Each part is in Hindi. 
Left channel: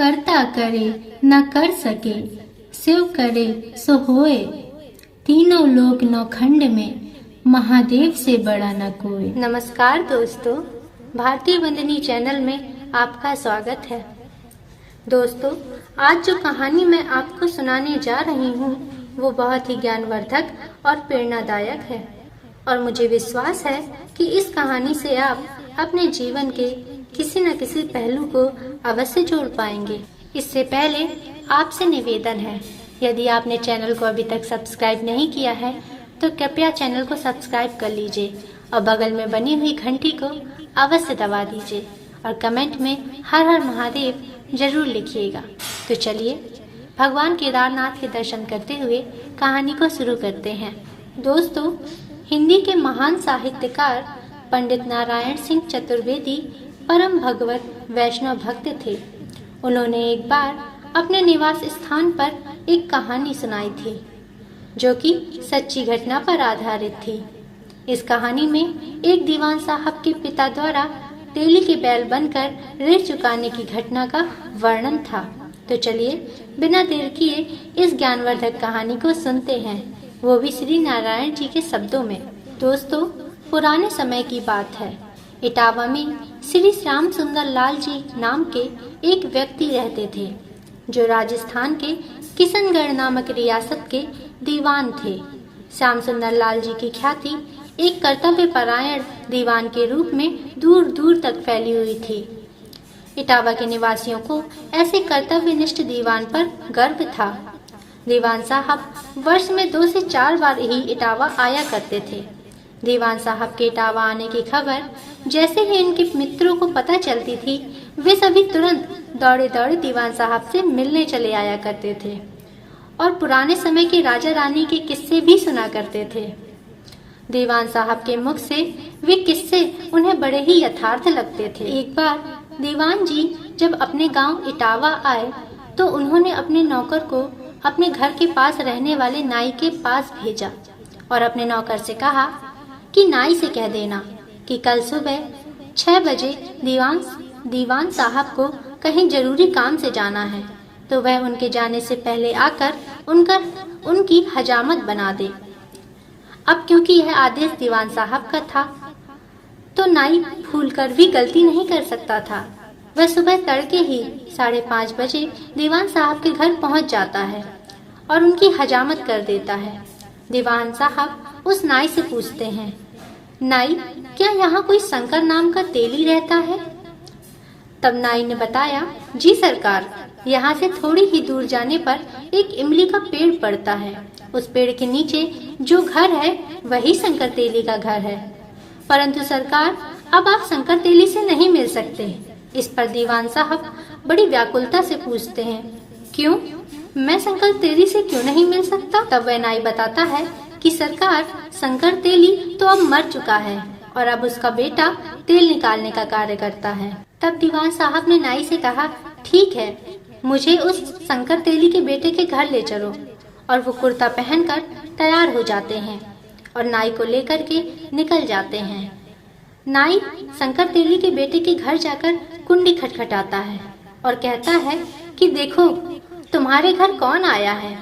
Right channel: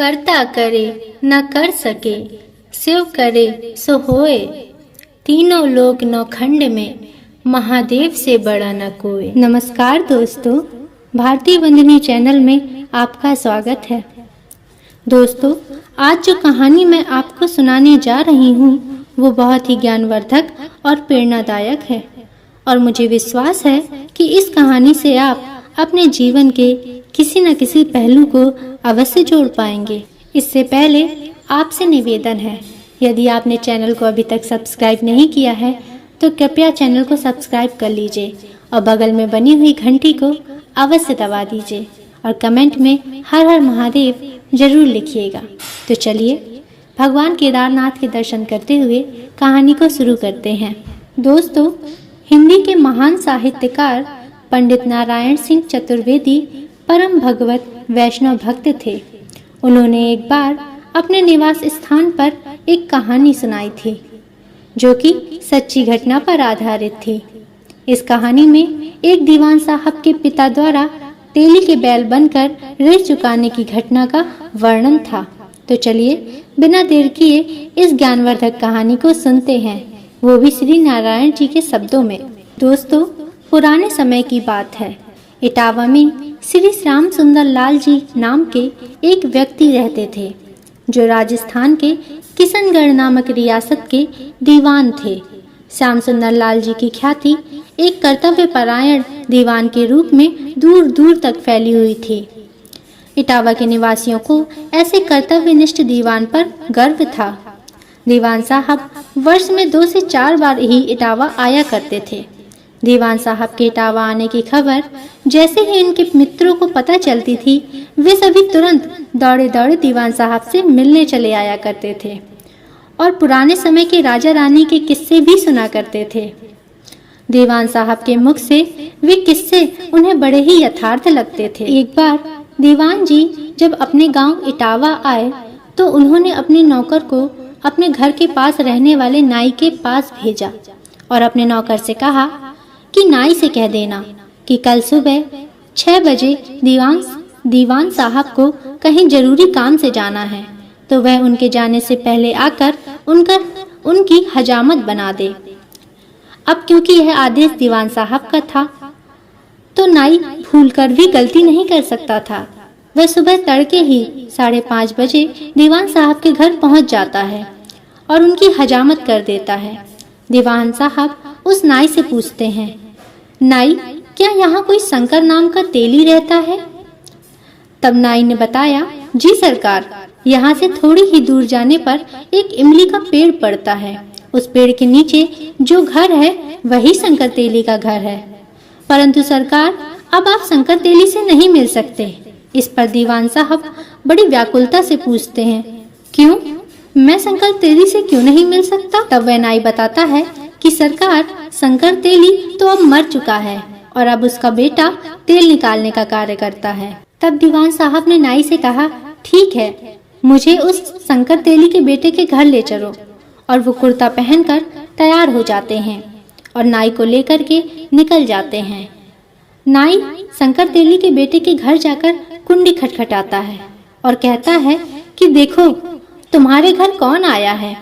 करता करे न कर सके, शिव करे सो होए। तीनों लोक नौखंड में महादेव से बड़ा न कोई। नमस्कार दोस्तों, भारतीय वंदनी चैनल में आपका स्वागत है। दोस्तों, आज जो कहानी मैं आपको सुनाने जा रही हूँ वो बहुत ही ज्ञानवर्धक और प्रेरणादायक है और मुझे विश्वास है कि इस कहानी से आप अपने जीवन के किसी न किसी पहलू को अवश्य जोड़ पाएंगे। इससे पहले आपसे निवेदन है, यदि आपने चैनल को अभी तक सब्सक्राइब नहीं किया है तो कृपया चैनल को सब्सक्राइब कर लीजिए और बगल में बनी हुई घंटी को अवश्य दबा दीजिए और कमेंट में हर हर महादेव जरूर लिखिएगा। तो चलिए भगवान केदारनाथ के दर्शन करते हुए कहानी को शुरू करते हैं। दोस्तों, हिंदी के महान साहित्यकार पंडित नारायण सिंह चतुर्वेदी परम भगवत वैष्णव भक्त थे। उन्होंने एक बार अपने निवास स्थान पर एक कहानी सुनाई थी जो कि सच्ची घटना पर आधारित थी। इस कहानी में एक दीवान साहब के पिता द्वारा तेली के बैल बनकर ऋण चुकाने की घटना का वर्णन था। तो चलिए बिना देर किए इस ज्ञानवर्धक कहानी को सुनते हैं, वो भी श्री नारायण जी के शब्दों में। दोस्तों, पुराने समय की बात है। इटावा में श्री श्याम सुंदर लाल जी नाम के एक व्यक्ति रहते थे जो राजस्थान के किशनगढ़ नामक रियासत के दीवान थे। श्याम सुंदर लाल जी की ख्याति एक कर्तव्य परायण दीवान के रूप में दूर दूर तक फैली हुई थी। इटावा के निवासियों को ऐसे कर्तव्यनिष्ठ दीवान पर गर्व था। दीवान साहब वर्ष में 2 से 4 बार ही इटावा आया करते थे। दीवान साहब के इटावा आने की खबर जैसे ही उनके मित्रों को पता चलती थी, वे सभी तुरंत दौड़े दौड़े दीवान साहब से मिलने चले आया करते थे और पुराने समय के राजा रानी के किस्से भी सुना करते थे। दीवान साहब के मुख से वे किस्से उन्हें बड़े ही यथार्थ लगते थे। एक बार दीवान जी जब अपने गांव इटावा आए तो उन्होंने अपने नौकर को अपने घर के पास रहने वाले नाई के पास भेजा और अपने नौकर से कहा कि नाई से कह देना कि कल सुबह 6 बजे दीवान साहब को कहीं जरूरी काम से जाना है, तो वह उनके जाने से पहले आकर उनकी हजामत बना दे। अब क्योंकि यह आदेश दीवान साहब का था तो नाई भूलकर भी गलती नहीं कर सकता था। वह सुबह तड़के ही 5:30 बजे दीवान साहब के घर पहुंच जाता है और उनकी हजामत कर देता है। दीवान साहब उस नाई से पूछते हैं, नाई, क्या यहाँ कोई शंकर नाम का तेली रहता है? तब नाई ने बताया, जी सरकार, यहाँ से थोड़ी ही दूर जाने पर एक इमली का पेड़ पड़ता है। उस पेड़ के नीचे जो घर है वही शंकर तेली का घर है। परंतु सरकार, अब आप शंकर तेली से नहीं मिल सकते। इस पर दीवान साहब बड़ी व्याकुलता से पूछते हैं, क्यों? मैं शंकर तेली से क्यों नहीं मिल सकता? तब वह नाई बताता है कि सरकार, शंकर तेली तो अब मर चुका है और अब उसका बेटा तेल निकालने का कार्य करता है। तब दीवान साहब ने नाई से कहा, ठीक है, मुझे उस शंकर तेली के बेटे के घर ले चलो। और वो कुर्ता पहनकर तैयार हो जाते हैं और नाई को लेकर के निकल जाते हैं। नाई शंकर तेली के बेटे के घर जाकर कुंडी खटखटाता है और कहता है कि देखो तुम्हारे घर कौन आया है,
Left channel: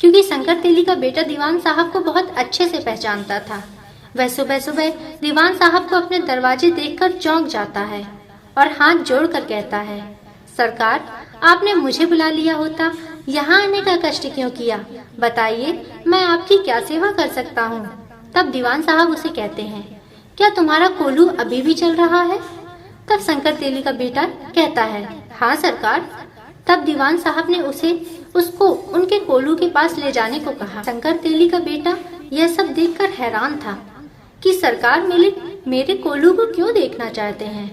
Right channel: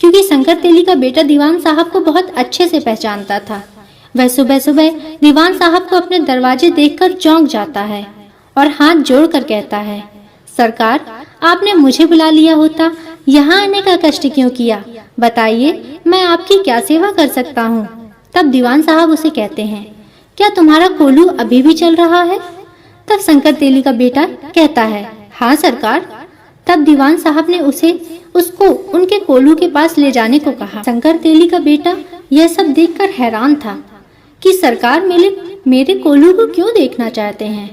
क्योंकि शंकर तेली का बेटा दीवान साहब को बहुत अच्छे से पहचानता था। वह सुबह सुबह दीवान साहब को अपने दरवाजे देखकर चौंक जाता है और हाथ जोड़कर कहता है, सरकार, आपने मुझे बुला लिया होता, यहाँ आने का कष्ट क्यों किया? बताइए, मैं आपकी क्या सेवा कर सकता हूँ? तब दीवान साहब उसे कहते हैं, क्या तुम्हारा कोल्हू अभी भी चल रहा है? तब शंकर तेली का बेटा कहता है, हाँ सरकार। तब दीवान साहब ने उसको उनके कोल्हू के पास ले जाने को कहा। शंकर तेली का बेटा यह सब देखकर हैरान था कि सरकार मेरे कोल्हू को क्यों देखना चाहते हैं,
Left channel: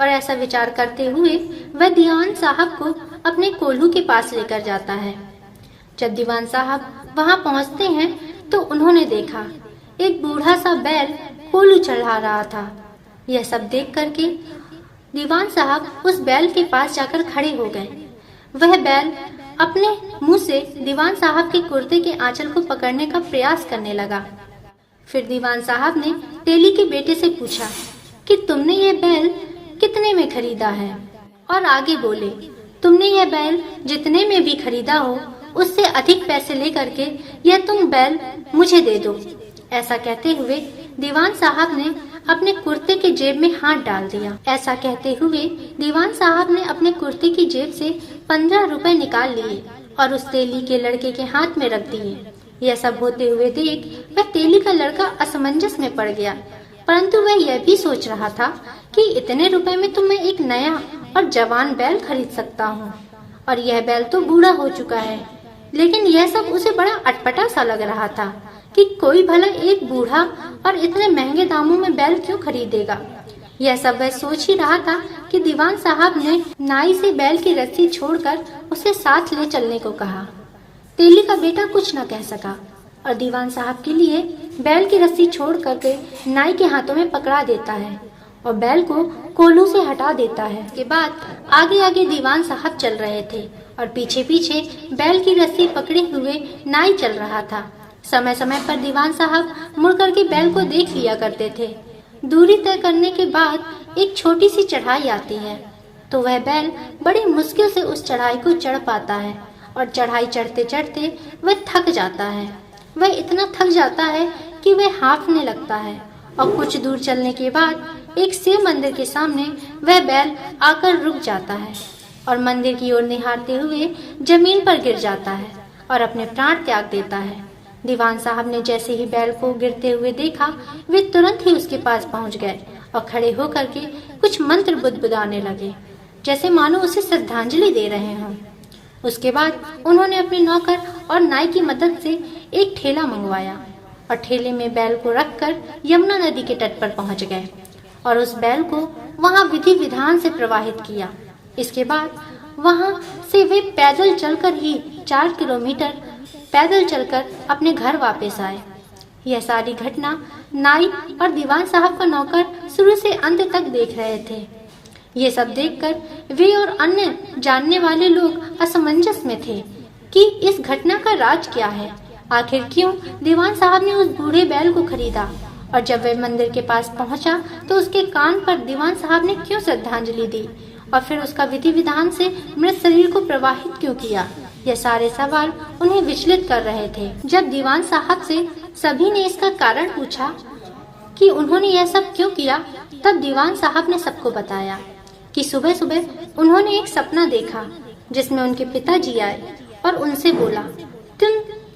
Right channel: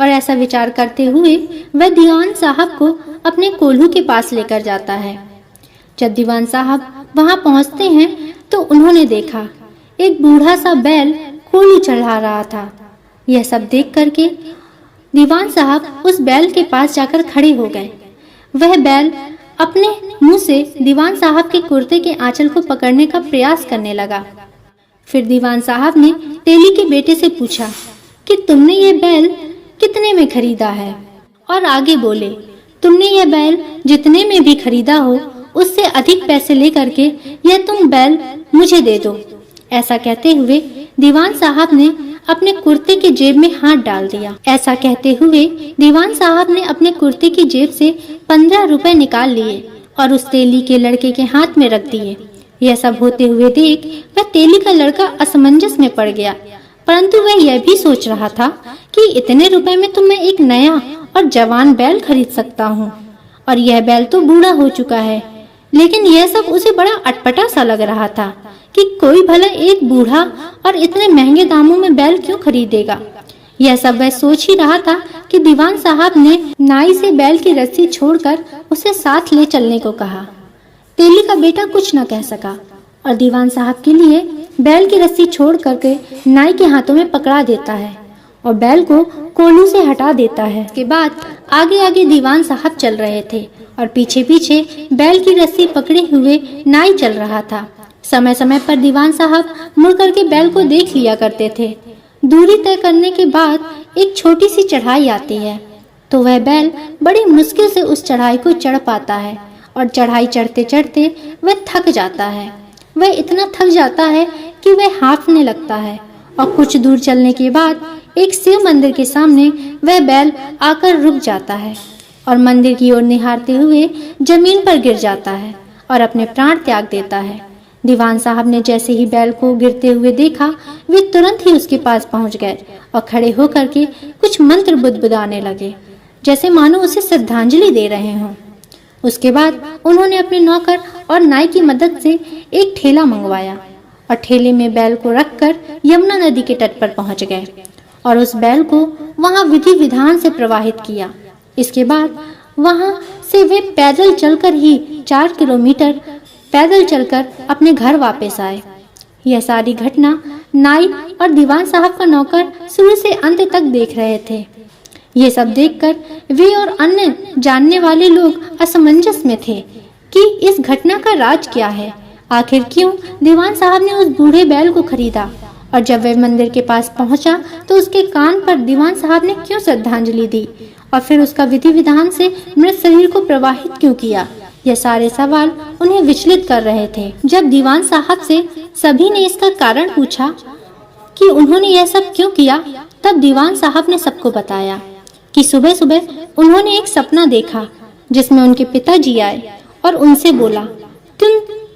और ऐसा विचार करते हुए वह दीवान साहब को अपने कोल्हू के पास लेकर जाता है। जब दीवान साहब वहां पहुंचते हैं तो उन्होंने देखा एक बूढ़ा सा बैल कोल्हू चढ़ा रहा था। यह सब देख करके दीवान साहब उस बैल के पास जाकर खड़े हो गए। वह बैल अपने मुंह से दीवान साहब के कुर्ते के आंचल को पकड़ने का प्रयास करने लगा। फिर दीवान साहब ने तेली के बेटे से पूछा कि तुमने ये बैल कितने में खरीदा है? और आगे बोले, तुमने यह बैल जितने में भी खरीदा हो उससे अधिक पैसे लेकर के यह तुम बैल मुझे दे दो। ऐसा कहते हुए दीवान साहब ने अपने कुर्ते की जेब में हाथ डाल दिया। ऐसा कहते हुए दीवान साहब ने अपने कुर्ते की जेब से 15 रुपए निकाल लिए और उस तेली के लड़के के हाथ में रख दिए। यह सब होते हुए देख वह तेली का लड़का असमंजस में पड़ गया, परंतु वह यह भी सोच रहा था कि इतने रुपए में तो मैं एक नया और जवान बैल खरीद सकता हूँ, और यह बैल तो बूढ़ा हो चुका है। लेकिन यह सब उसे बड़ा अटपटा सा लग रहा था कि कोई भला एक बूढ़ा और इतने महंगे दामों में बैल क्यों खरीदेगा। यह सब वह सोच ही रहा था कि दीवान साहब ने नाई से बैल की रस्सी छोड़कर उसे साथ ले चलने को कहा। तेली का बेटा कुछ न कह सका और दीवान साहब के लिए बैल की रस्सी छोड़ करके नाई के हाथों में पकड़ा देता है और बैल को कोल्हू से हटा देता है। इसके बाद आगे आगे दीवान साहब चल रहे थे और पीछे पीछे बैल की रस्सी पकड़े हुए नाई चल रहा था। समय समय पर दीवान साहब मुड़ करके बैल को देख लिया करते थे। दूरी तय करने के बाद एक छोटी सी चढ़ाई आती है तो वह बैल बड़ी मुश्किल से उस चढ़ाई को चढ़ पाता है और चढ़ाई चढ़ते चढ़ते वह थक जाता है। वह इतना थक जाता है कि वह हाँफने लगता है और कुछ दूर चलने के बाद एक शिव मंदिर के सामने वह बैल आकर रुक जाता है और मंदिर की ओर निहारते हुए जमीन पर गिर जाता है और अपने प्राण त्याग देता है। दीवान साहब ने जैसे ही बैल को गिरते हुए देखा, वे तुरंत ही उसके पास पहुंच गए और खड़े होकर के कुछ मंत्र बुदबुदाने लगे, जैसे मानो उसे श्रद्धांजलि दे रहे हों। उसके बाद उन्होंने अपने नौकर और नाई की मदद से एक ठेला मंगवाया और ठेले में बैल को रखकर यमुना नदी के तट पर पहुंच गए और उस बैल को वहां विधि विधान से प्रवाहित किया। इसके बाद वहां से वे पैदल चलकर ही 4 किलोमीटर पैदल चलकर अपने घर वापस आए। यह सारी घटना नाई और दीवान साहब का नौकर शुरू से अंत तक देख रहे थे। ये सब देखकर वे और अन्य जानने वाले लोग असमंजस में थे कि इस घटना का राज क्या है। आखिर क्यों दीवान साहब ने उस बूढ़े बैल को खरीदा, और जब वह मंदिर के पास पहुंचा तो उसके कान पर दीवान साहब ने क्यों श्रद्धांजलि दी और फिर उसका विधि विधान से मृत शरीर को प्रवाहित क्यों किया। यह सारे सवाल उन्हें विचलित कर रहे थे। जब दीवान साहब से सभी ने इसका कारण पूछा कि उन्होंने यह सब क्यों किया, तब दीवान साहब ने सबको बताया कि सुबह सुबह उन्होंने एक सपना देखा जिसमें उनके पिताजी आए और उनसे बोला,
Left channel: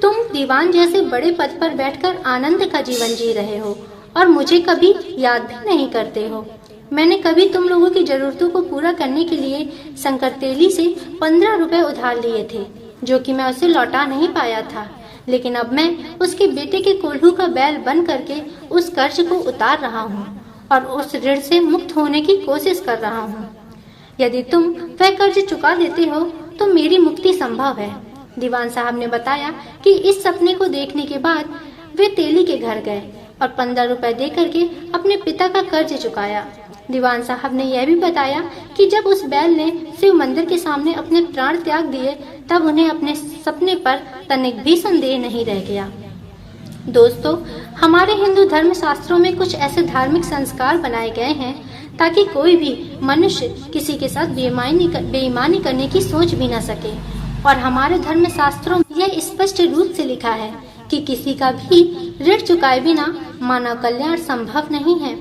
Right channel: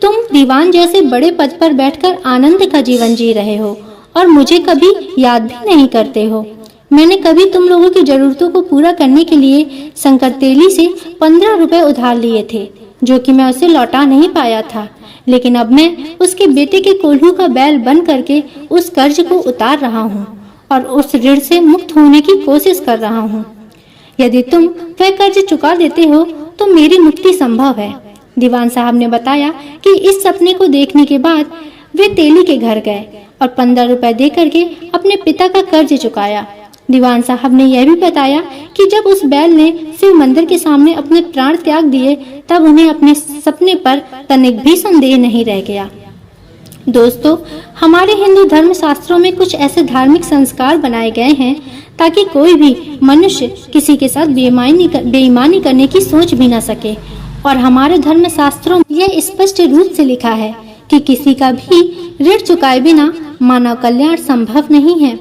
तुम दीवान जैसे बड़े पद पर बैठकर आनंद का जीवन जी रहे हो और मुझे कभी याद भी नहीं करते हो। मैंने कभी तुम लोगों की जरूरतों को पूरा करने के लिए शंकर तेली से 15 रुपए उधार लिए थे, जो कि मैं उसे लौटा नहीं पाया था, लेकिन अब मैं उसके बेटे के कोल्हू का बैल बन करके उस कर्ज को उतार रहा हूँ और उस ऋण से मुक्त होने की कोशिश कर रहा हूँ। यदि तुम वह कर्ज चुका देते हो तो मेरी मुक्ति संभव है। दीवान साहब ने बताया कि इस सपने को देखने के बाद वे तेली के घर गए और 15 रुपए दे करके अपने पिता का कर्ज चुकाया। दीवान साहब ने यह भी बताया कि जब उस बैल ने शिव मंदिर के सामने अपने प्राण त्याग दिए तब उन्हें अपने सपने पर तनिक भी संदेह नहीं रह गया। दोस्तों, हमारे हिंदू धर्म शास्त्रों में कुछ ऐसे धार्मिक संस्कार बनाए गए हैं ताकि कोई भी मनुष्य किसी के साथ बेईमानी करने की सोच भी न सके। और हमारे धर्म शास्त्रों में यह स्पष्ट रूप से लिखा है कि किसी का भी ऋण चुकाए बिना मानव कल्याण संभव नहीं है।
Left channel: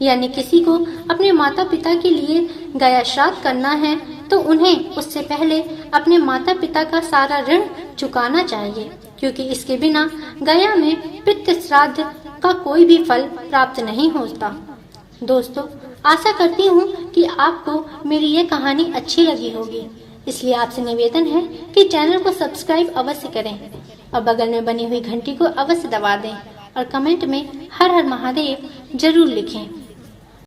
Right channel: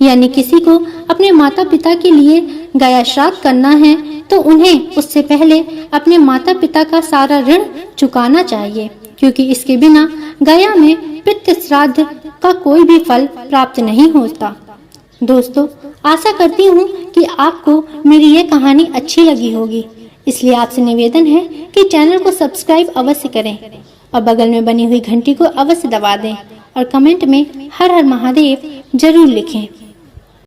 यानी किसी को अपने माता पिता के लिए गया श्राद्ध करना है तो उन्हें उससे पहले अपने माता पिता का सारा ऋण चुकाना चाहिए, क्योंकि इसके बिना गया में पितृ श्राद्ध का कोई भी फल प्राप्त नहीं होता। दोस्तों, आशा करती हूँ कि आपको मेरी ये कहानी अच्छी लगी होगी, इसलिए आपसे निवेदन है कि चैनल को सब्सक्राइब अवश्य करें और बगल में बनी हुई घंटी को अवश्य दबा दें और कमेंट में हर हर महादेव जरूर लिखें।